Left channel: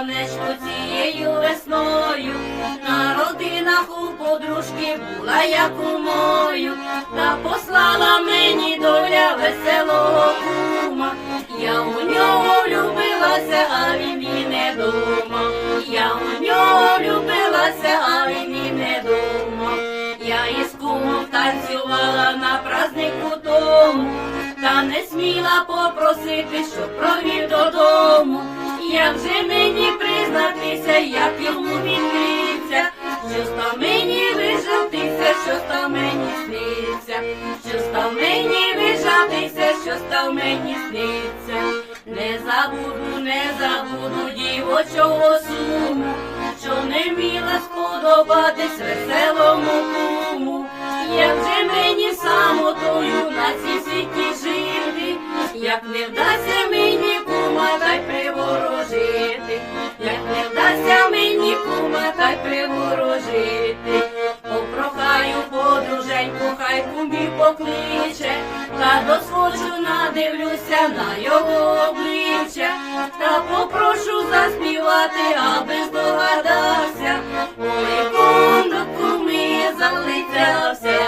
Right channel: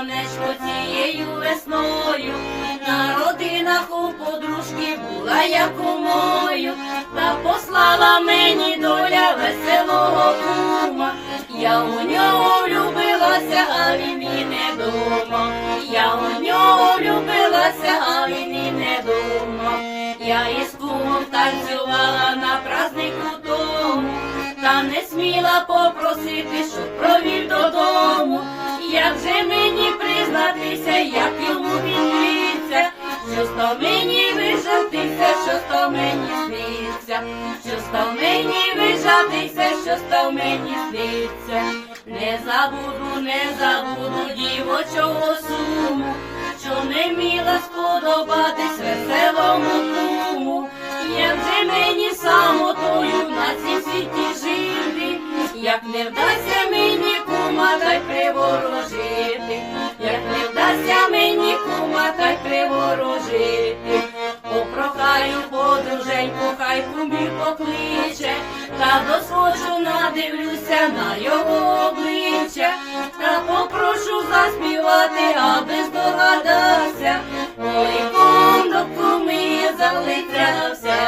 давнешньо цією весною, на родинах у подружки була я кумою, та послала мені доля веселого кума. Я у нього влюбилася, а він і не дома. Я у нього влюбилася, а він і не дома. Я із кумом танцювала на празднику тому, та не сміла попросити, щоб що мені вижатися, що став мені сниться, що став мені вижатися, що став мені сниться. Не забуду, не забуду дівочого суму, що не міла сподобатись веселому хай кумбі покличе, та досхочу надивлюся на його обличчя, та попрошу заспівати, аби здогадався, ой, кум до куми залицявся.